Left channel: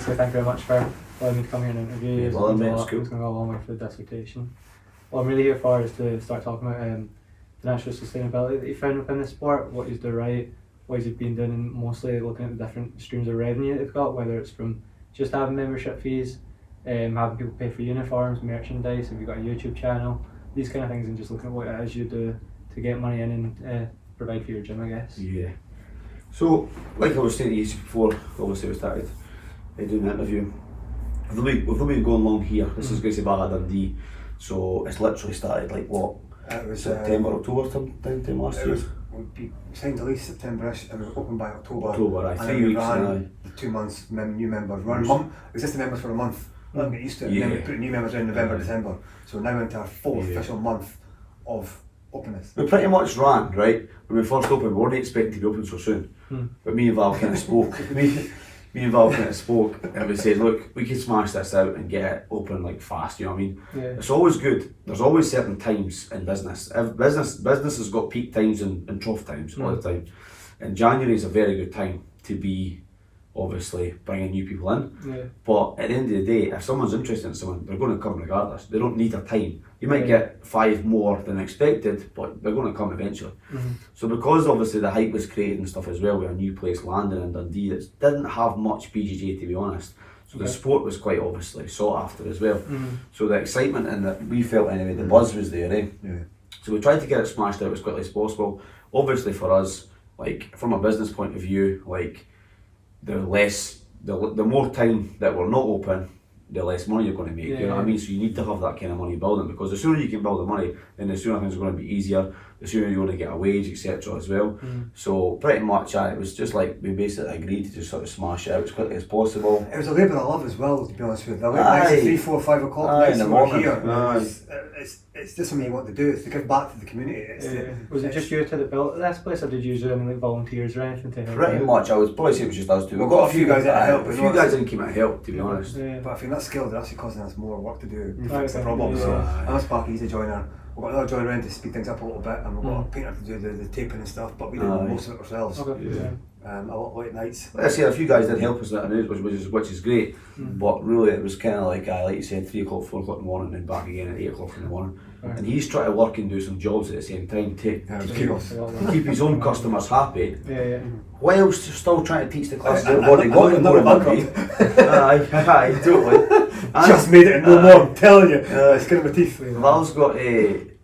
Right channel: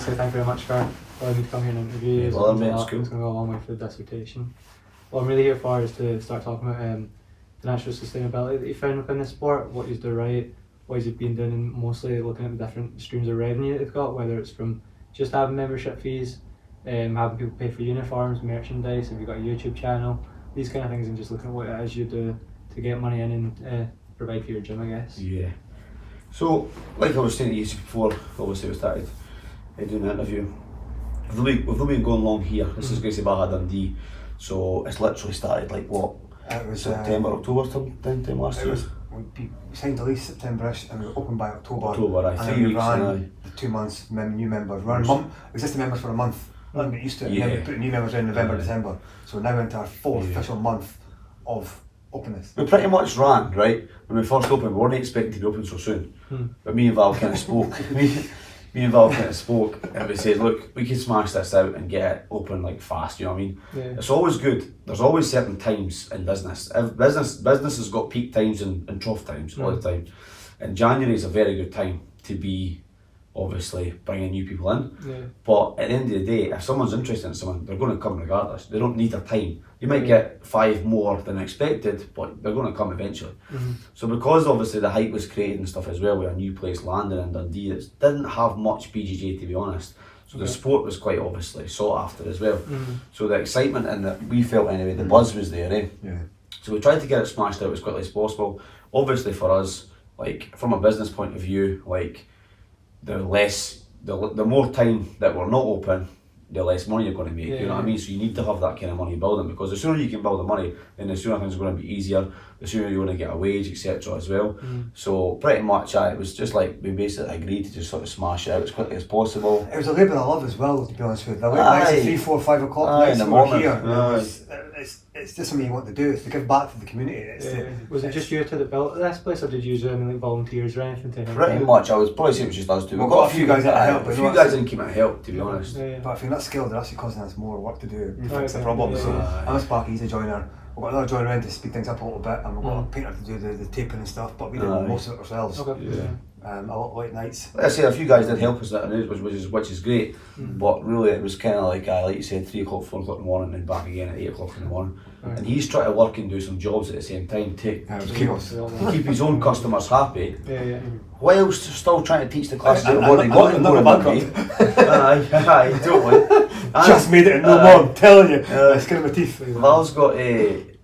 say thank you very much for allowing me to come here and interview you. Well, mate, it's It's cool. going to go a long way for the dissertation. What I'm really here for is to start talking about financial sustainability that you found within the sport, what you do right, what you've been doing, and mostly looking at the different streams of revenue that they've got, whether it's from just having membership fees, having people pay for uniforms, merchandise, if you've got a YouTube channel, these kind of things, and just looking at what it is you do to get money in and provide for your gym, I guess. Yeah. So, like I was saying to you before, obviously we started doing the interview. We've not been going long here. This is Gracie Baja Dundee. So it's literally started like what? It was September, October time last year. We signed the lease September-ish and we were open by October. October, and 3 then we weeks. ran the 2 months, new members. We ran existing members for a month. Let them get used to it. And then we put new members in November, December. So we're now into our fourth official month of openness. We pretty much ran, right? When we first opened, we weren't expecting to be open so soon. But me and Val kind of spoke. Me and Val kind of spoke and we said, look, we can smash this out and get it open like fast, you know what I mean? Yeah. It's always good. There's always certain times in business. Business has got peak times and trough times all the time. And January is a very good time to be obviously bringing new people in. Yeah. But at the end of the day, if someone's interested in someone, they're going to come regardless. They don't need their time. You might get 5 more than expected, but they're going to come eventually. So because obviously the hype was created and stuff as well with a new place landing in Dundee, it didn't have much BJJ to be honest. So the sport was quite obviously sought after as well. So the excitement and that we felt anyway, the buzz was there, eh? Yeah. So we tried to get it smashed out as quickly as possible. Obviously for us, like from a business point of view, like the more time that we're not open, the less money you're going to make, you know what I mean? So you need to have that kind of money building, because the sooner you can build the money, then the sooner things are going to be easier, the sooner you're going to get a wage, etc. as well. So pretty much it was just like we basically agreed to just sort of smash it out as quickly as possible. It was a labour of love as well, to be honest with you. The late Aye. nights at 3, 4, 5 o'clock Aye, nights in the that we're morning. here. It's just something you want to do. It's to give back to the community. Was it just you two that built this place, or did you use any like volunteers or anything to help? Pretty much, I would probably say it was just us two. We've got a few guys that help, A but few not- guys didn't keep it help, to be honest. Yeah. But if you're not skilled, they're actually causing us more work to do to fix the Okay. problem. Yeah. So Aye. I'm a Sparky, he's a joiner. We've got another joiner in to speed things up a little bit, and we've got a painter to do the taping and stuff, but we do Aye. most of it ourselves. Okay. Yeah. A lot of late nights. Like I say, a few guys did help us, which is great, but really it was kind of like you said, 3 o'clock, 4 o'clock in the morning, and back again at 8 o'clock in the morning. Right. And he's trying to work and do some jobs at the same time to Yeah, it was keep, chaos. to keep his own customers happy, Yeah. whilst still trying to teach the classes And- that have already and- got and more not money. Aye, totally. Just made it in no more, I'm telling you. Skin of my teeth.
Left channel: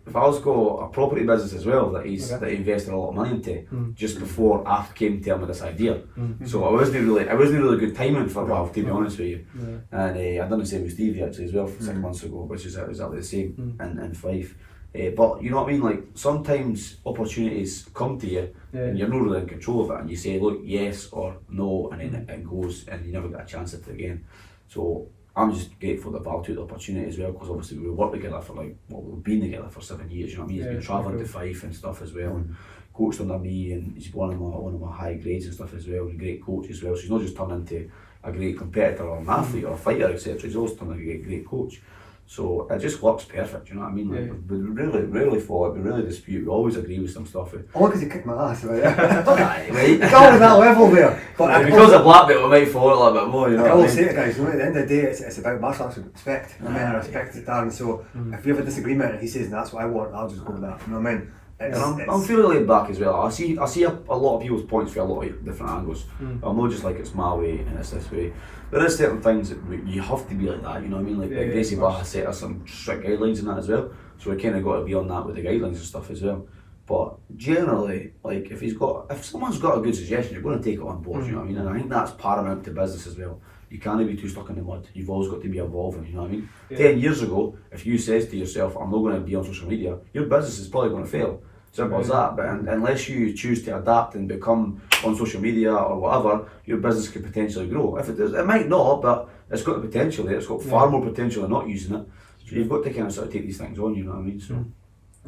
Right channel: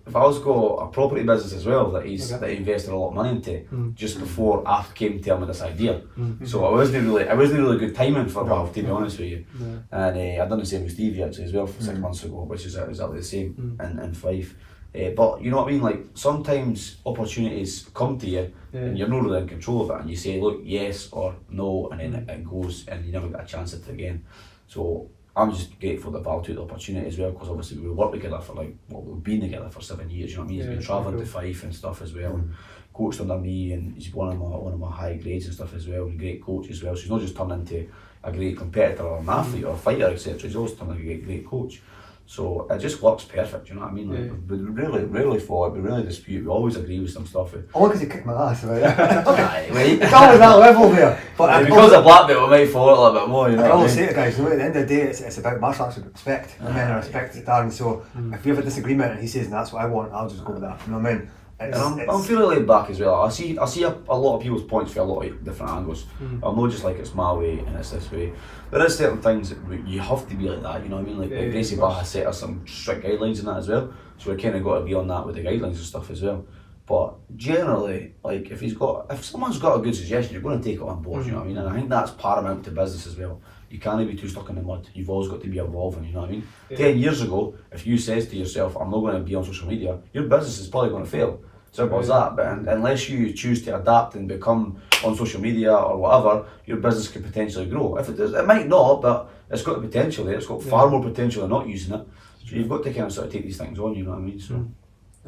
Val's got a property business as well that he invested a lot of money into just before I came to tell me this idea. So it wasn't really good timing for Val, to be honest with you. And I done the same with Stevie actually as well for 6 months ago, which is exactly the same in Fife. But you know what I mean, like sometimes opportunities come to you and you're not really in control of it, and you say look yes or no, and then it goes and you never get a chance at it again. So I'm just grateful that Val took the opportunity as well, because obviously we worked together for we've been together for 7 years, you know what I mean? He's been travelling to Fife and stuff as well, and coached under me, and he's one of my high grades and stuff as well, and a great coach as well. So he's not just turned into a great competitor or an athlete or a fighter, etc. He's also turned into a great coach. So it just works perfect, you know what I mean? Like, we rarely fought, we really dispute, we always agree with some stuff. Only because he kicked my ass, right? Aye, right. It's always that level there. But Because of black belt, we might fall a little bit more, you know I what I always mean? say to guys, you know, at the end of the day, it's about martial arts with respect. And men respect it, Darren. So if we have a disagreement and he says that's what I want, I'll just go with that. You know what I mean? And I'm fairly laid back as well. I see a lot of people's points for a lot of different angles. I'm not just like it's my way and it's this way. There is certain things that you have to be like that, you know what I mean? Like Gracie Baja set us some strict guidelines in that as well. So we kind of got to be on that with the guidelines and stuff as well. But generally, like if someone's got a good suggestion, you're going to take it on board, you know what I mean? And I think that's paramount to business as well. You can't be too stuck in the mud. You've always got to be evolving, you know what I mean? 10 years ago, if you says to yourself, I'm not going to be on social media, your business is probably going to fail. Simple as that. But unless you choose to adapt and become on social media or whatever, your business could potentially grow. If it does, it might not, but it's got the potential there. It's got far more potential than not using it. So you've got to kind of sort of take these things on, you know what I mean? So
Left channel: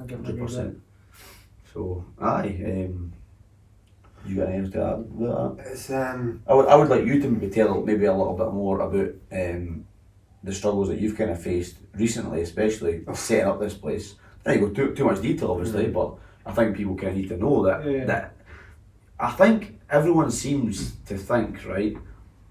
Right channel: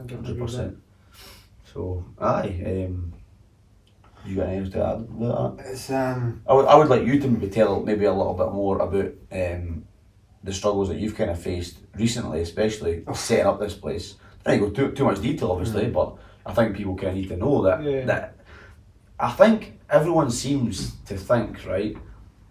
100%. So you got anything to add with that? it's I would like you to maybe tell maybe a little bit more about the struggles that you've kind of faced recently, especially setting up this place. I don't go too much detail, obviously, but I think people kind of need to know that. That I think everyone seems to think, right,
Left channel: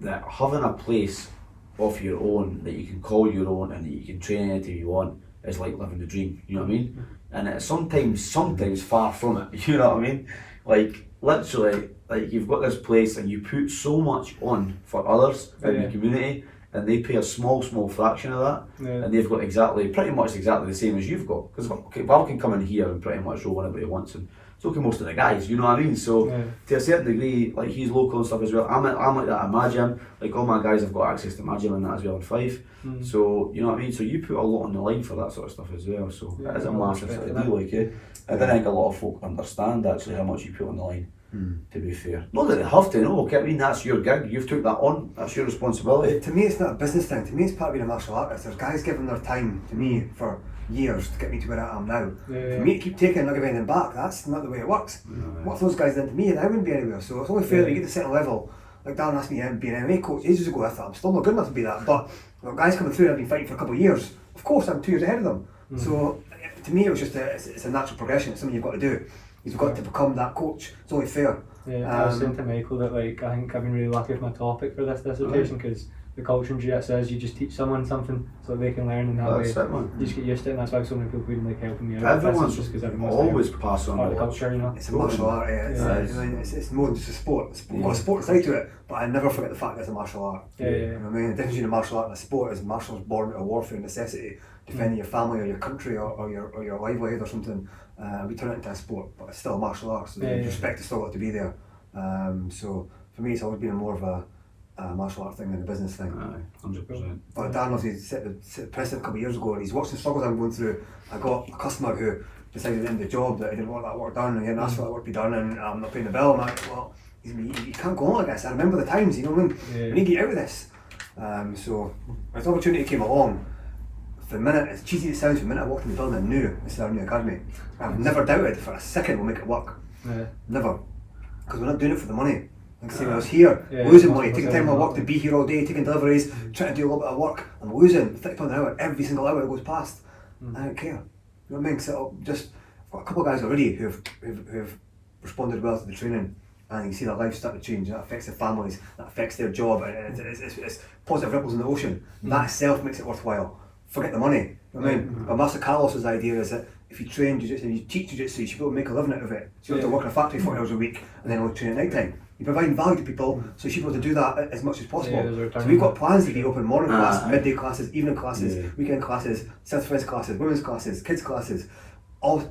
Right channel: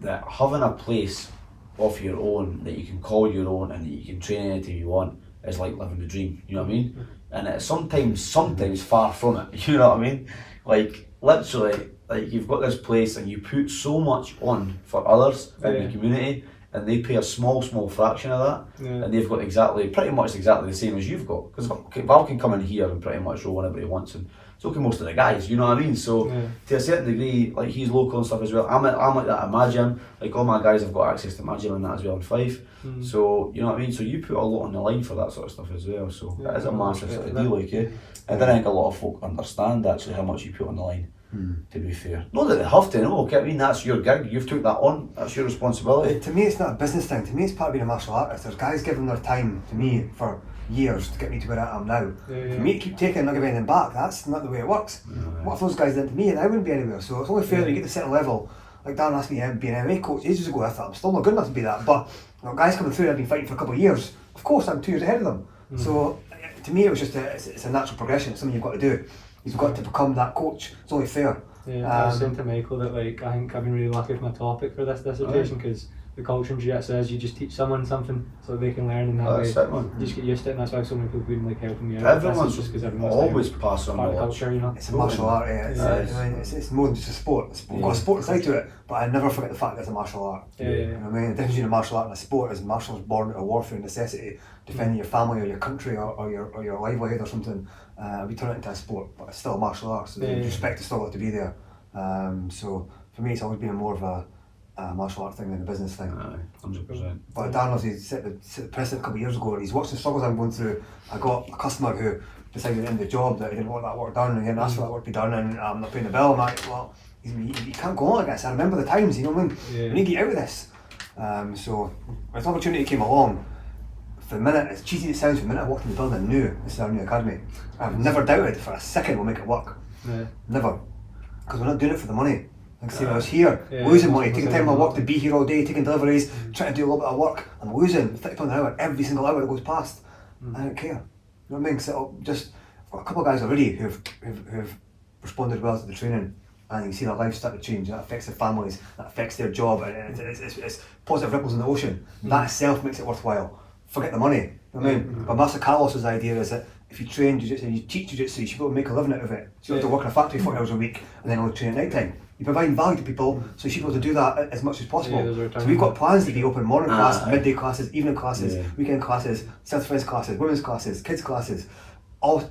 that having a place of your own that you can call your own and that you can train anytime you want is like living the dream, you know what I mean? And it's sometimes far from it, you know what I mean? Like literally, like you've got this place and you put so much on for others in the community, and they pay a small fraction of that, and they've got pretty much exactly the same as you've got. Because Val can come in here and pretty much roll whenever he wants, and so can most of the guys, you know what I mean? So to a certain degree, like he's local and stuff as well. I'm like that at my gym. Like all my guys have got access to my gym and that as well in Fife. So you know what I mean? So you put a lot on the line for that sort of stuff as well. So it is a massive sort of deal, like I don't think a lot of folk understand actually how much you put on the line. To be fair, not that they have to. No, I mean that's your gig. You've took that on. That's your responsibility. To me, it's not a business thing. To me, it's part of being a martial artist. There's guys giving their time to me for years to get me to where I am now. For me to keep taking and not giving anything back, that's not the way it works. What if those guys did to me and I wouldn't be anywhere? So it's only fair that you get to a certain level. Like Darren asked me to be an MMA coach ages ago. I thought I'm still not good enough to be that. But you know, guys coming through, I've been fighting for a couple of years. Of course, I'm 2 years ahead of them. So to me, it was just it's a natural progression. It's something you've got to do. You've got to become that coach. It's only fair. I was saying to Michael that like I think I've been really lucky with my topic for this dissertation because the culture in jiu-jitsu is you just teach someone something so they can learn, and that way you just get used to it, and that's why so many people have been like helping me out. Everyone's just because always pass on the culture, you know. It's a martial art, I mean, it's more than just a sport. It's got a sport side to it, but I never forget the fact that it's a martial art. You know what I mean? The difference between a martial art and a sport is martial is born out of warfare and necessity, defending your family or your country or your livelihood or something. We turn it into a sport, but it's still a martial art, so the respect is still got to be there. So for me, it's always been more of a martial art thing than a business thing. 100%. But Dan knows he set the precedent a couple of years ago, and he's watched the struggles I'm going through. I got a customer who decided in the job that he didn't want that work done, and he didn't ask for that work to be done, and I'm not paying the bill. I'm like, well, you can't go on like this. I remember the times, you know what I mean? We need to get out of this. So when this opportunity came along, for the minute, as cheesy as it sounds, for the minute I walked in the building, I knew this is our new academy. I've never doubted for a second we'll make it work. Never. Because we're not doing it for the money. Like I say, when I was here, losing money, taking time on work to be here all day, taking deliveries, trying to do a little bit of work, and losing £30 an hour every single hour that goes past. I don't care. You know what I mean? Because I've got a couple of guys already who've responded well to the training, and you can see their lives start to change. That affects their families, that affects their job, and it's positive ripples in the ocean. That itself makes it worthwhile. Forget the money. You know what I mean? But Master Carlos's idea is that if you train jiu-jitsu and you teach jiu-jitsu, you should be able to make a living out of it. So you don't have to work in a factory 40 hours a week and then only train at night time. You provide value to people, so you should be able to do that as much as possible. So we've got plans to be open morning classes, midday classes, evening classes, weekend classes, self-defense classes, women's classes, kids classes,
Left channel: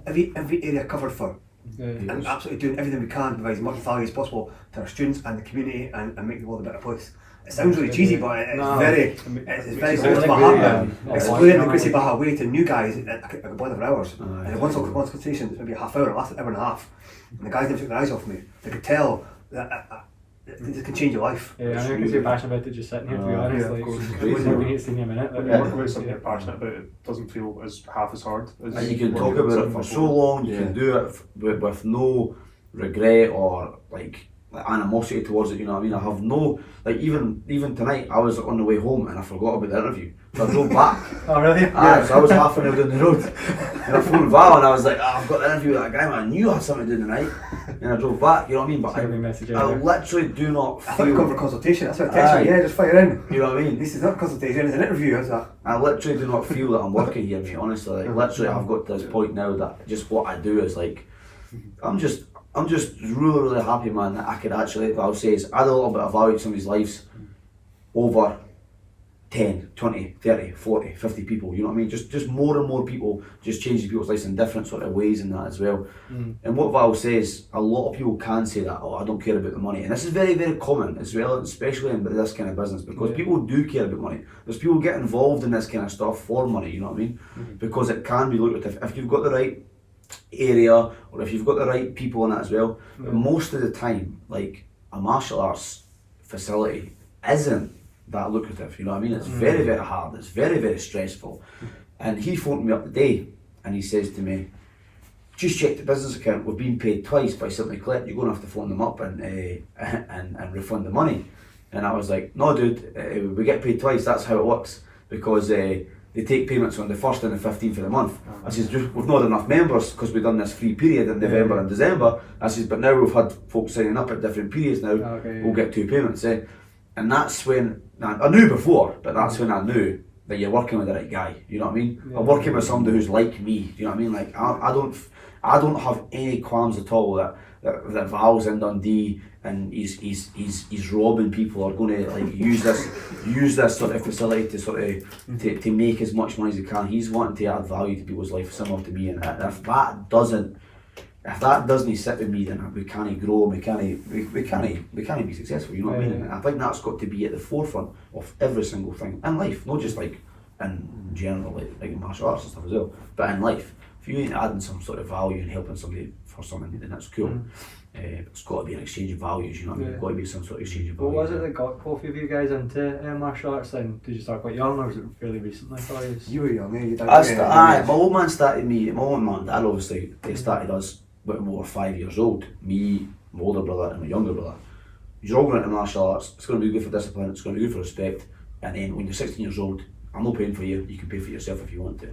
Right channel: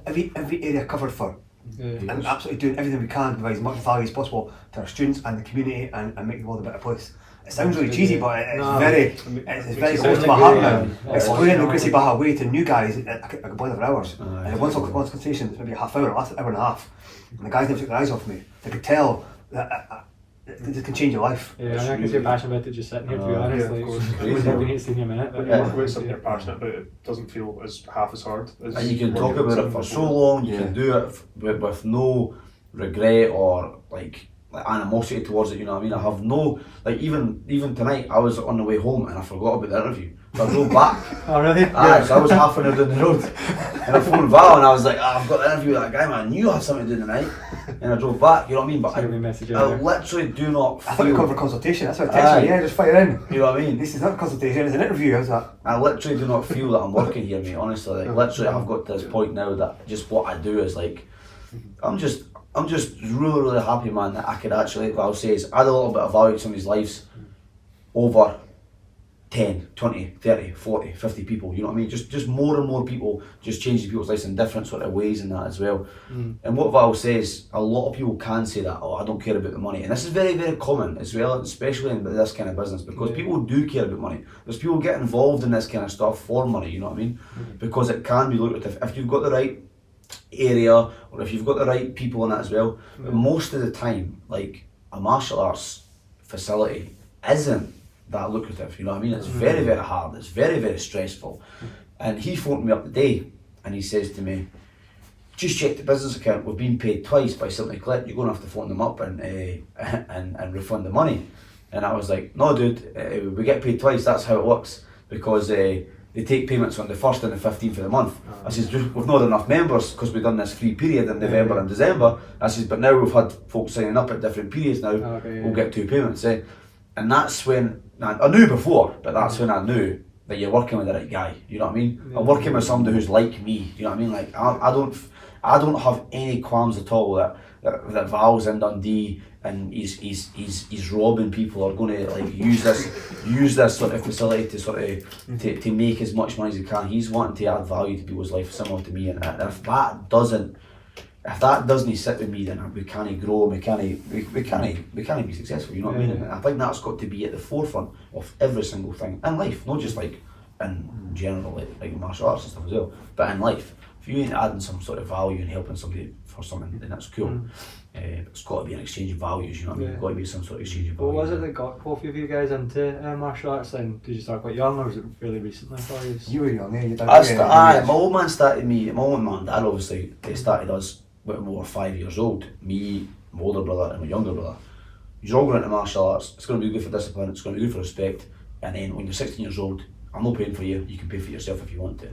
every area covered for. And absolutely doing everything we can to provide as much value as possible to our students and the community and make the world a better place. It sounds really cheesy, but it's very close to my heart now. Explaining the Gracie Barra way to new guys, I could bother for hours. And once consultation, it's maybe a half hour, last an hour and a half. And the guys never took their eyes off me. They could tell that it can change your life. I can see you're passionate about it just sitting here, to be honest. Of course. We've been here seeing a minute. When you work with something you're passionate about, it doesn't feel as half as hard. And you can talk about it for so long, you can do it with no regret or like animosity towards it, you know what I mean? I have no, like even tonight I was on the way home and I forgot about the interview. So I drove back. Oh really? So I was half an hour down the road and I phoned Val and I was like, I've got the interview with that guy, man. I knew I had something to do tonight. And I drove back, you know what I mean? But I literally do not feel... I thought you were for consultation, that's what I texted you, just fire in. You know what I mean? This is not a consultation, it's an interview, how's that? I literally do not feel that I'm working here, mate, honestly. Like literally I've got to this point now that just what I do is like, I'm just really happy, man, that I could actually, like Val says, add a little bit of value to somebody's lives over 10, 20, 30, 40, 50 people, you know what I mean? Just more and more people, just changing people's lives in different sort of ways and that as well. And what Val says, a lot of people can say that, oh, I don't care about the money. And this is very, very common as well, especially in this kind of business, because people do care about money. There's people get involved in this kind of stuff for money, you know what I mean? Because it can be lucrative. If you've got the right area or if you've got the right people in that as well, but most of the time, like a martial arts facility isn't that lucrative, you know what I mean? It's very, very hard, it's very, very stressful. And he phoned me up today and he says to me, just check the business account, we've been paid twice by Simply Clip, you're going to have to phone them up and refund the money. And I was like, no dude, we get paid twice, that's how it works, because they take payments on the 1st and the 15th of the month. I says, we've not enough members because we've done this free period in November and December. I says, but now we've had folks signing up at different periods now, we'll get 2 payments. And that's when, I knew before, but that's when I knew that you're working with the right guy, you know what I mean? Yeah. I'm working with somebody who's like me, you know what I mean? Like, I don't have any qualms at all that Val's in Dundee and he's robbing people or going to like use this sort of facility to sort of to make as much money as he can. He's wanting to add value to people's life similar to me, and if that doesn't sit with me, then we can't grow, we can't be successful, you know what I mean? And I think that's got to be at the forefront of every single thing in life, not just like in general like martial arts and stuff as well, but in life. If you ain't adding some sort of value and helping somebody for something, then that's cool. It's got to be an exchange of values, you know what I mean? It's got to be some sort of exchange of values. What was it that got both of you guys into martial arts then? Did you start quite young or was it fairly recently for you? You were young, you did. My old man started me, my old man, dad obviously, they started us when we were 5 years old. Me, my older brother and my younger brother. You're all going into martial arts, it's going to be good for discipline, it's going to be good for respect, and then when you're 16 years old, I'm not paying for you, you can pay for yourself if you want to.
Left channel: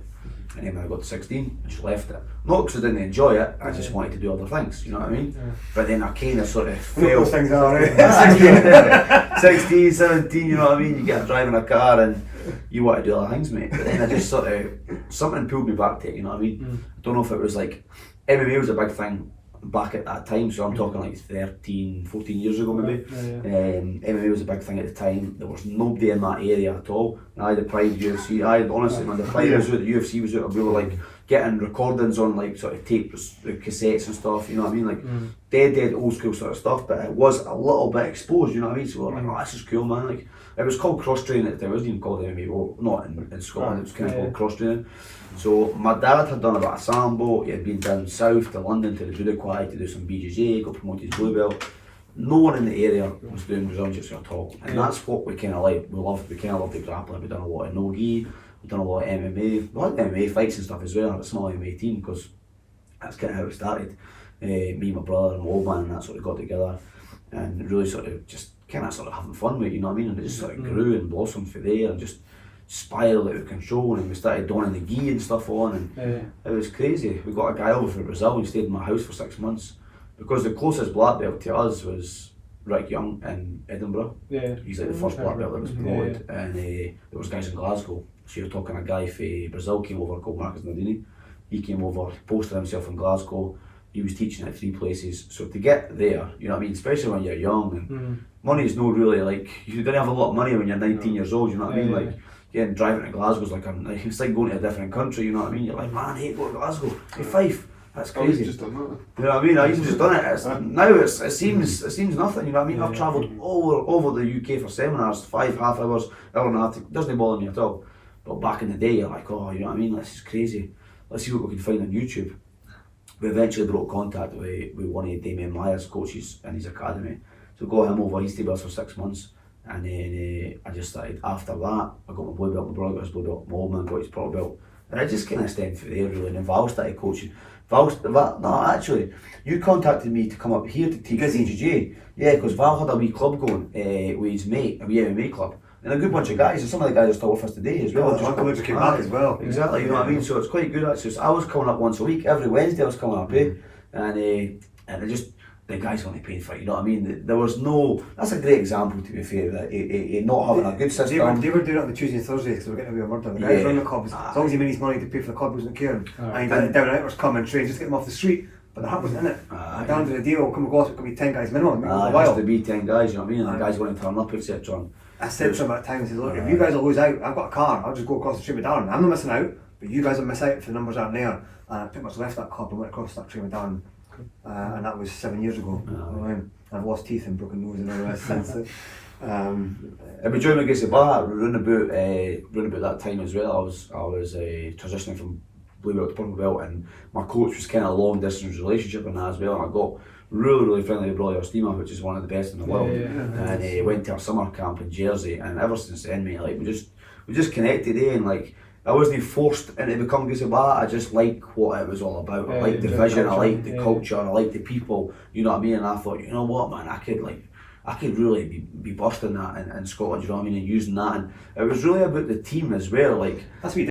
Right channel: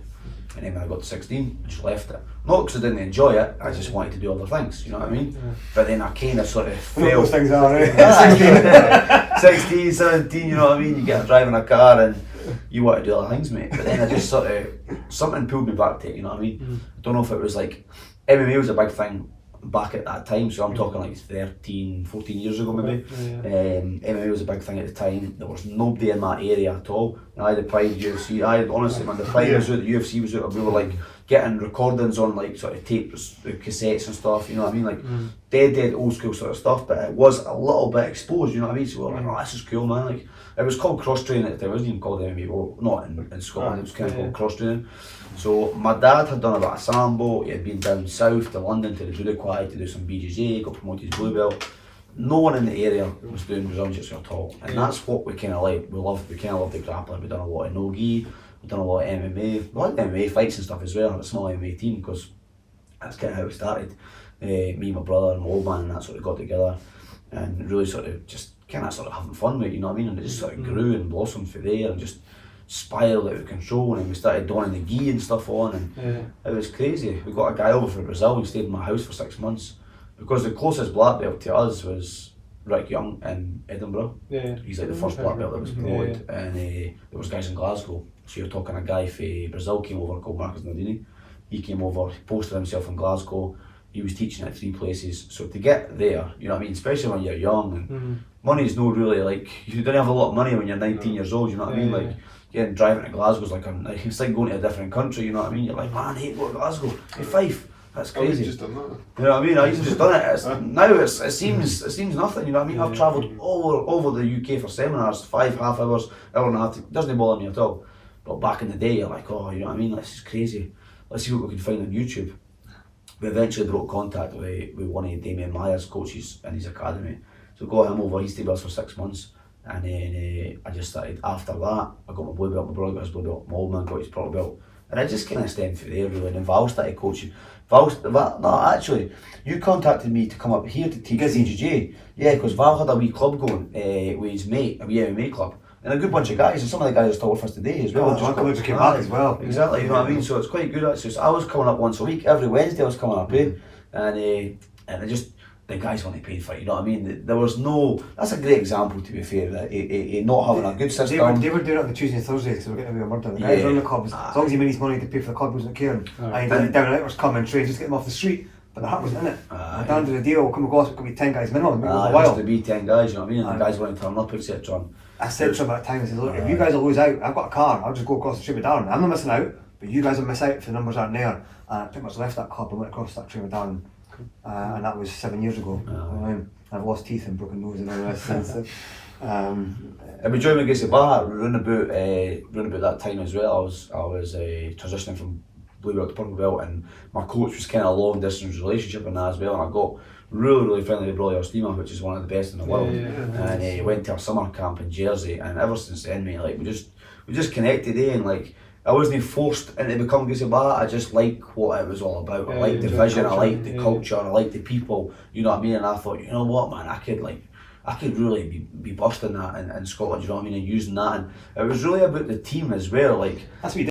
And then when I got to 16, I just left it. Not because I didn't enjoy it, I just wanted to do other things, you know what I mean? Yeah. But then I kind of sort of What fell. those things are, right? 16, 17, you know what I mean? You get driving a car and you want to do other things, mate. But then I just sort of, something pulled me back to it, you know what I mean? I don't know if it was like, MMA was a big thing back at that time, so I'm talking like 13, 14 years ago maybe. MMA was a big thing at the time. There was nobody in that area at all. And I had the Pride UFC. Honestly, man, the Pride was out, the UFC was out, we were like getting recordings on like sort of tapes, cassettes and stuff, you know what I mean? Like dead old school sort of stuff, but it was a little bit exposed, you know what I mean? So we were like, oh, this is cool, man. Like, it was called cross training at the time. It wasn't even called MMA, well, not in Scotland, it was kind of called cross training. So my dad had done a bit of sambo, he had been down south to London to the Judo Quad to do some BJJ, got promoted to blue belt. No one in the area was doing Brazilian Jiu-Jitsu at all, and that's what we kind of like. We kind of loved the grappling. We've done a lot of no-gi, we've done a lot of MMA. We had MMA fights and stuff as well. I had a small MMA team because that's kind of how it started. Me, my brother, and my old man, and that sort of got together and really sort of just kind of sort of having fun with it, you know what I mean? And it just sort of grew and blossomed from there and just spiraled out of control, and we started donning the gi and stuff on, and it was crazy. We got a guy over from Brazil, he stayed in my house for 6 months because the closest black belt to us was Rick Young in Edinburgh. He's like the first black belt that was promoted, and there was guys in Glasgow. So you're talking a guy from Brazil came over called Marcus Nardini. He came over, posted himself in Glasgow. He was teaching at 3 places. So to get there, you know what I mean, especially when you're young, and money is no really like, you don't have a lot of money when you're 19 years old, you know what I mean? Like, driving to Glasgow's like it's like going to a different country, you know what I mean? You're like, man, I hate going to Glasgow. Hey, Fife, that's crazy. I've just done that. You know what I mean? I've just done it. Now it seems nothing, you know what I mean? I've travelled all over the UK for seminars, 5 half hours, hour and a half. It doesn't bother me at all. But back in the day, you're like, oh, you know what I mean? This is crazy. Let's see what we can find on YouTube. We eventually broke contact with one of Damien Meyer's coaches in his academy. So got him over, he stayed with us for 6 months. And then I just started, after that, I got my blue belt, my brother got his blue belt, my old man got his purple belt. And I just kind of stemmed from there really, and then Val started coaching. Actually, you contacted me to come up here to teach BJJ. Yeah, because Val had a wee club going with his mate, a wee MMA club. And a good bunch of guys, and some of the guys are still with us today as well. Just came back as well. Exactly, you know what I mean? So it's quite good actually. So I was coming up once a week, every Wednesday I was coming up, and I just, the guys want to pay for it, you know what I mean? There was no, that's a great example to be fair, that not having a good system. They were doing it on the Tuesday and Thursday, so we're getting away with murder. The guys run the clubs, as long as he made his money to pay for the club, he wasn't caring. And he down and outers come and train, just get them off the street. But the hat wasn't in it. At the end of the deal, come across, it could be 10 guys minimum. It has to be 10 guys, you know what I mean? And the guys want to turn up, etc. I said to him at the time, I said, look, if you guys will lose out, I've got a car, I'll just go across the street with Darren. I'm not missing out, but you guys will miss out if the numbers aren't there. And I pretty much left that club and went across that train with Darren. And that was 7 years ago. I've lost teeth and broken nose and all that since. I've been joining against the bar round about that time as well. I was transitioning from blue belt to purple belt, and my coach was kind of a long distance relationship in that as well. And I got really friendly with Broly Ostima, which is one of the best in the world. And went to a summer camp in Jersey, and ever since then, mate, like we just connected, and like I wasn't forced into becoming Gracie Barra. I just like what it was all about. I liked the vision, I liked the culture, I liked the people, you know what I mean? And I thought, you know what, man, I could really be busting that in Scotland, you know what I mean, and using that. And it was really about the team as well. Like, that's what